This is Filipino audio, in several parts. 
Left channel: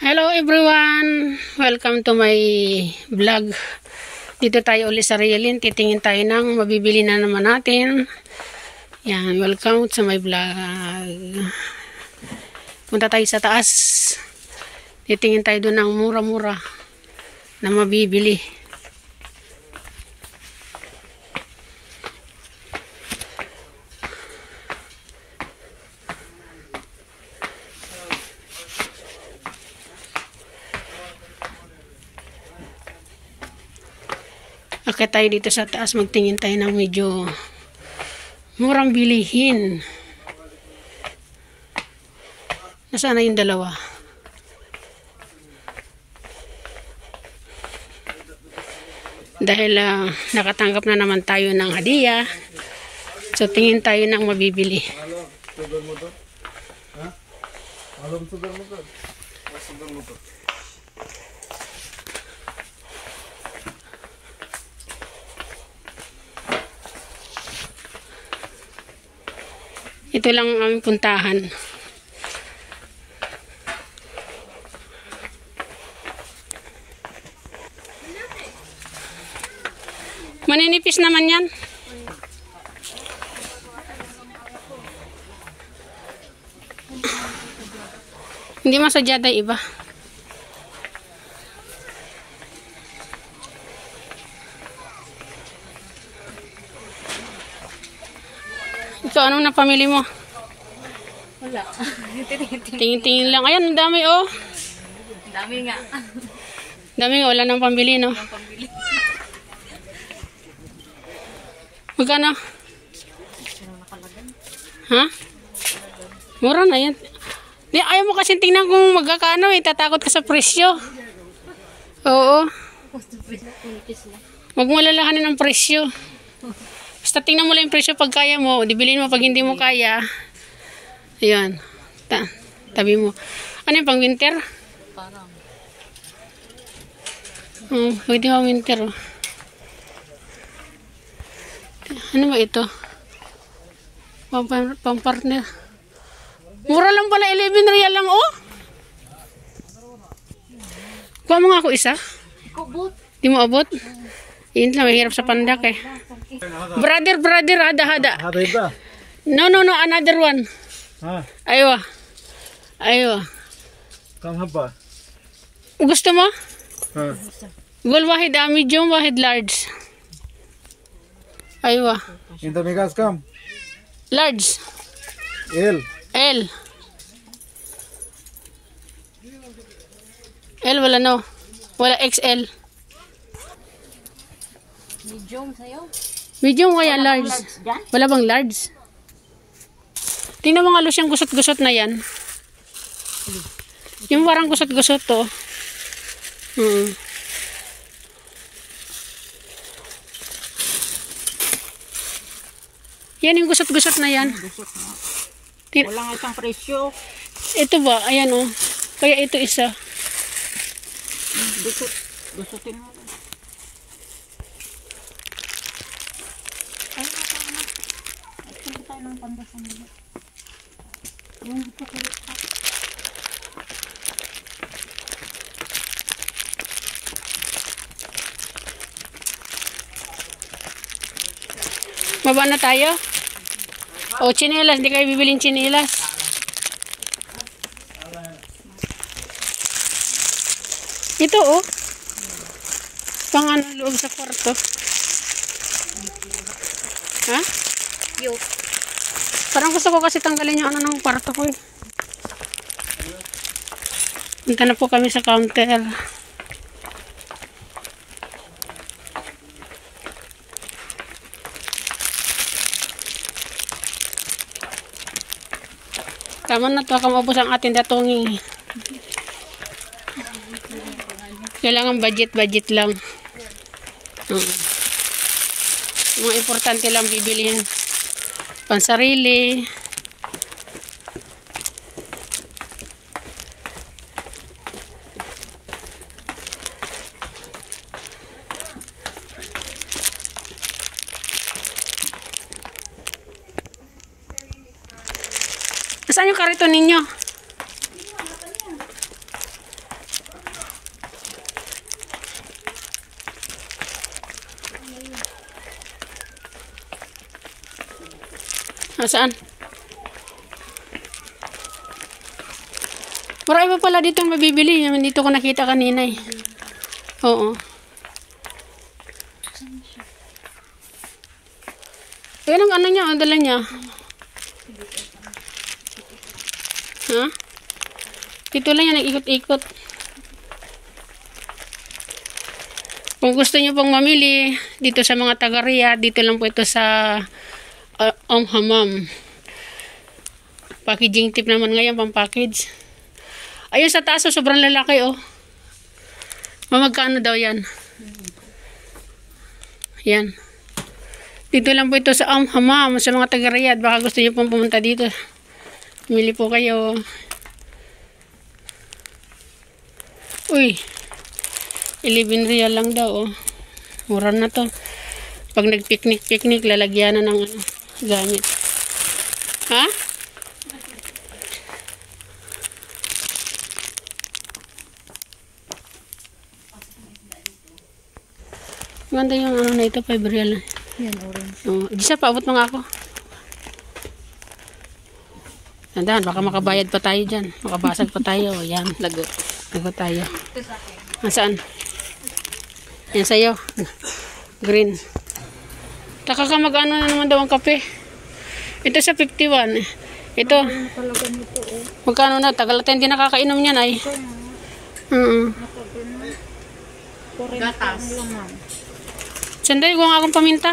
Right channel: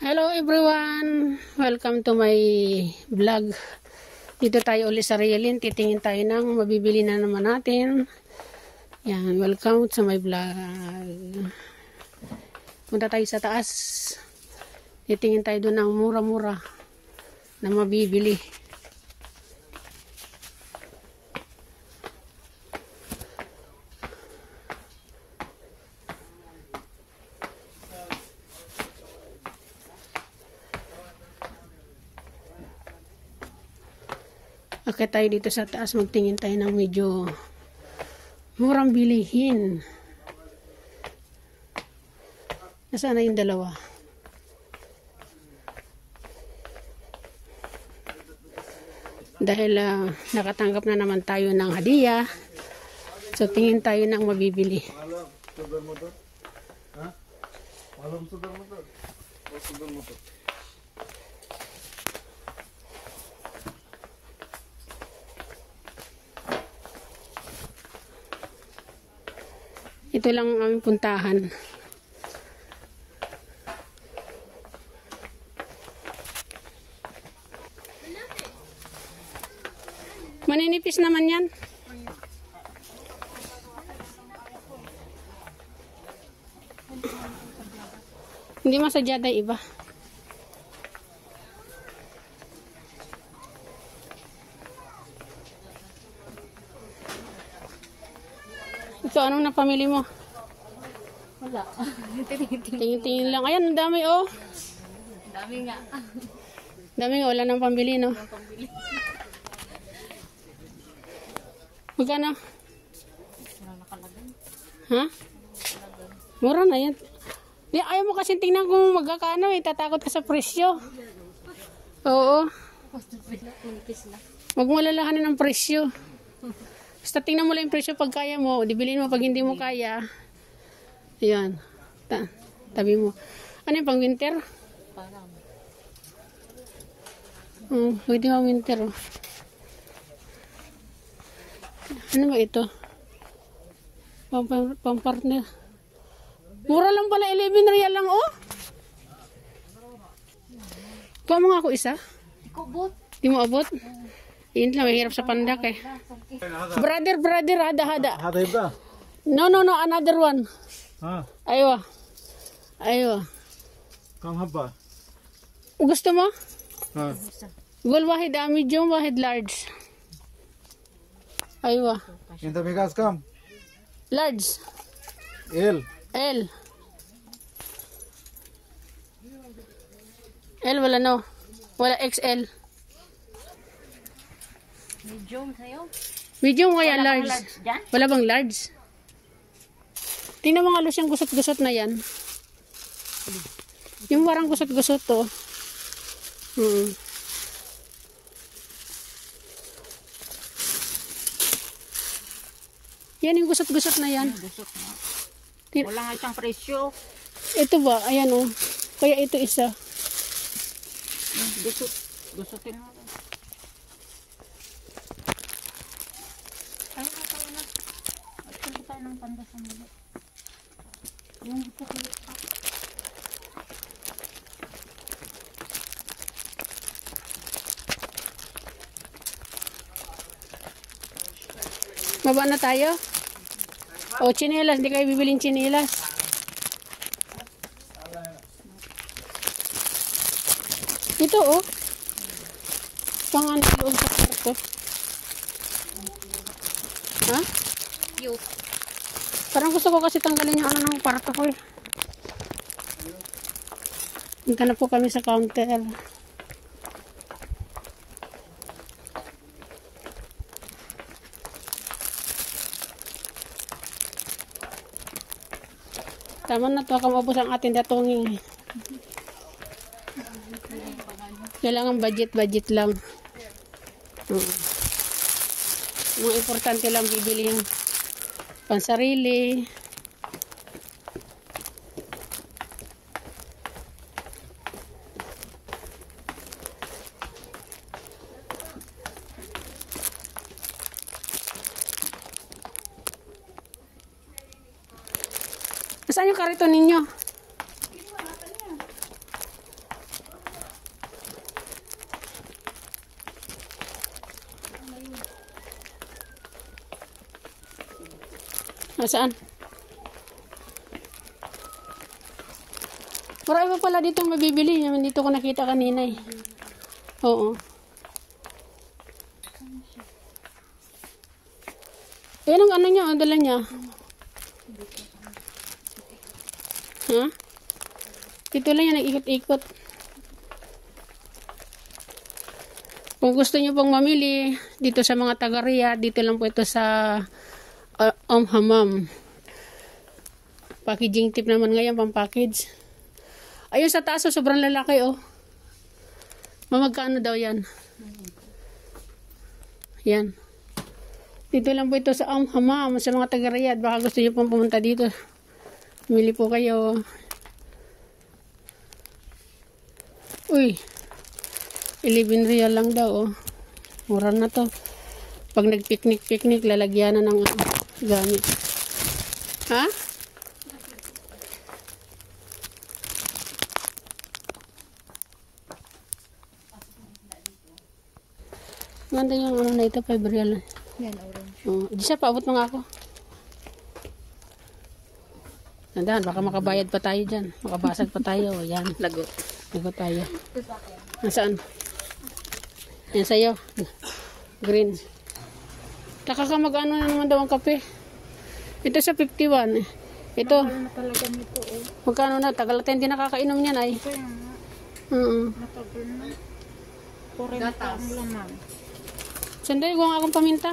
Hello everyone! Welcome to my vlog. Dito tayo ulit sa Realin. Titingin tayo ng mabibili na naman natin. Yan, welcome sa my vlog. Punta tayo sa taas. Titingin tayo doon ng mura-mura na mabibili. Akit tayo dito sa taas, magtingin tayo ng medyo murang bilihin. Nasaan na yung dalawa? Dahil nakatanggap na naman tayo ng hadiah, so tingin tayo ng mabibili. Ito lang ang aming puntahan. Maninipis naman yan. Hindi masadyada iba. Ikaw, anong napamili mo? Wala. Tingin-tingin lang. Ayan, ang dami oh. Dami nga. Dami nga, wala nang pambili, no? Magkano? Ha? Mura na yan. Di, ayaw mo kasi tingnan kung magkakano eh. Tatakot ka sa presyo. Oo. Huwag mo lalahanin ang presyo. Basta tingnan mo lang yung presyo pag kaya mo. Dibilin mo pag hindi mo kaya. Ayan. Tabi mo. Ano yung pang winter? Parang. Pwede mo winter. Oh. Ano ba ito? Pang-partner. Mura lang pala. 11 real lang oh. Kuha mo nga ako isa. Kubot. Di mo abot? Yun lang. Mahirap sa pandak eh. Brother, hada. Hada iba? No, another one. Ha? Aywa. Kam haba? Gusto mo? Ha? Gul wahid medium, wahid large. Aywa. Inta migas kam? Large. L. L wala no. Wala XL. Medium sa'yo. Medium kaya large. Dyan? Wala bang large? Tingnan mo nga Lucyang gusot-gusot na yan. Yung parang gusot-gusot to. Yan yung gusot-gusot na yan. Wala nga isang presyo. Ito ba? Ayan oh. Kaya ito isa. Gusutin mo. Ay, tayo na. Punta tayo ng pandasan nila. Yung gusto ko. Baba na tayo? O, chinelas. Hindi kayo bibiling chinelas. Ito, oh. Pangan loob sa kwarto. Ha? Yo. Parang gusto ko kasi tanggalin yung ano ng kwarto ko eh. Punta na po kami sa counter. Tama na to, kamabos ang ating datungi. Kailangan budget lang. Mga importante lang bibilihin. Pansarili. Nasaan yung kariton ninyo? Saan? Marami pa pala dito mabibili. Dito ko nakita kanina eh. Oo. Ayan ang ano niya, ang dala niya. Ha? Dito lang yan, nag-ikot-ikot. Kung gusto niyo pong mamili dito sa mga taga-Riyadh, dito lang po ito sa Hammam. Packaging tip naman ngayon, pang package. Ayun sa taas, sobrang lalaki oh. Mamagkano daw yan? Yan. Dito lang po ito sa Hammam, sa mga taga-Riyadh. Baka gusto niyo pong pumunta dito. Mili po kayo. Uy. 11 riyal lang daw oh. Mura na to. Pag nag-picnic, lalagyan na ng gamit. Ha? Ganda yung ano na ito, 5 riyal na. Yan, orange. Oh, Gisa, paabot mo nga ako. Tandaan, baka makabayad pa tayo dyan. Makabasag pa tayo. Yan. Lagot tayo. Nasaan? Yan sa'yo. Green. Taka ka mag-ano na naman daw ang kape. Ito sa 51. Ito. Magkano na? Tagal natin hindi nakakainom niyan ay. Gatas. Sanday, huwag akong paminta.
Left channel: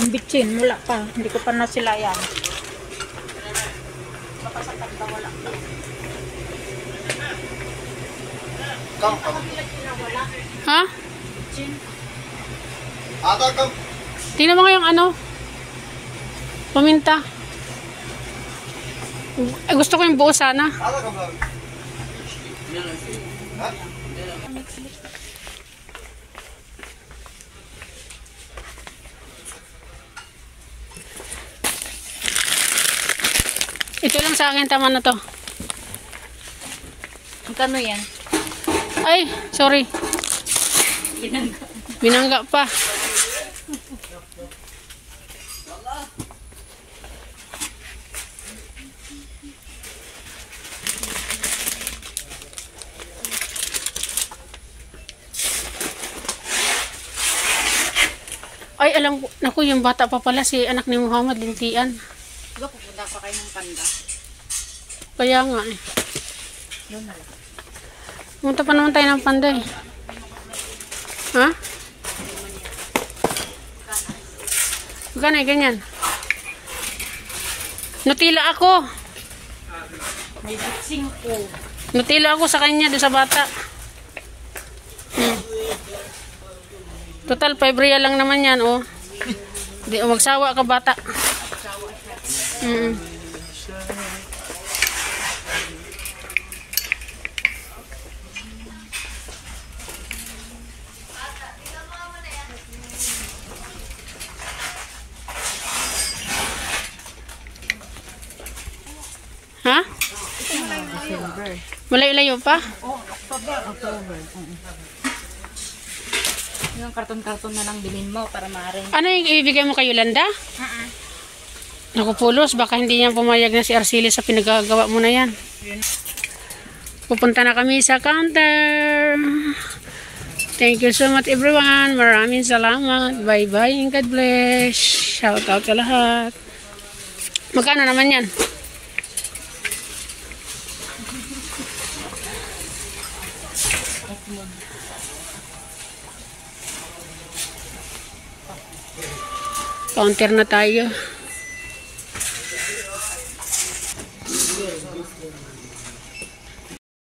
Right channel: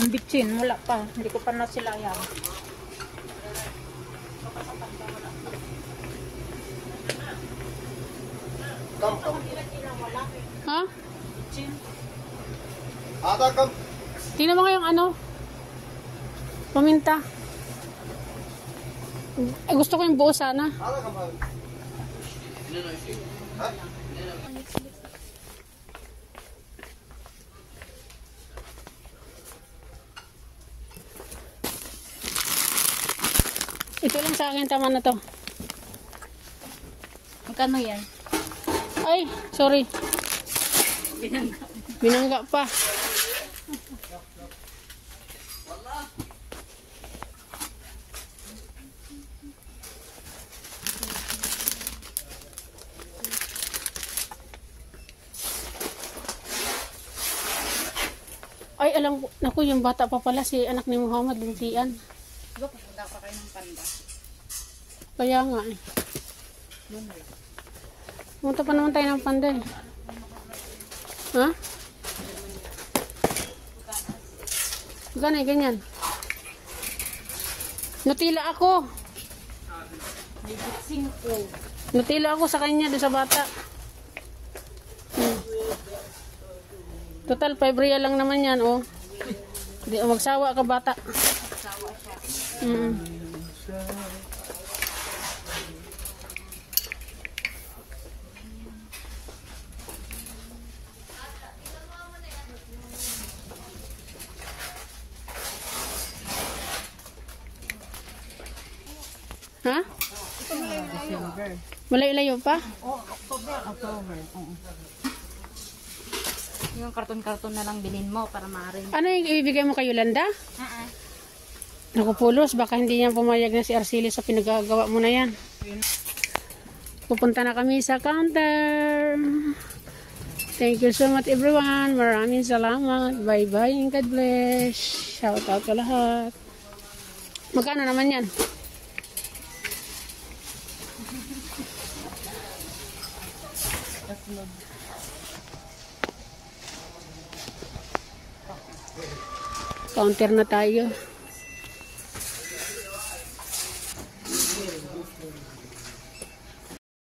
Ang bitsin, wala pa. Hindi ko pa nasilayan. Ha? Tingnan mo nga yung ano. Paminta. Gusto ko yung buo sana. Ito lang sa akin, tama na to. Magkano yan? Ay, sorry. Binangga pa. Ay, alam ko. Naku, yung bata pa pala si anak ni Muhammad, lintian. Diba pupunta pa kayo ng Panda? Kaya nga eh. Doon na lang. Punta pa naman tayo ng Panday. Ha? Magkano eh, ganyan? Nutila ako. May bitsing ko. Nutila ako sa kanya, doon sa bata. Total, 5 riyal lang naman yan, oh. Di, magsawa ka, bata. Ha? Malayo-layo pa? Oh, October. Yung karton-karton na lang bilhin mo para maaring. Ano yung ibibigay mo kay Yolanda? Naku, Pulos, baka hindi niya pumayag na si Arcelia sa pinagagawa mo na yan. Pupunta na kami sa counter. Thank you so much everyone. Maraming salamat. Bye-bye and God bless. Shout out sa lahat. Magkano naman yan? Counter na tayo.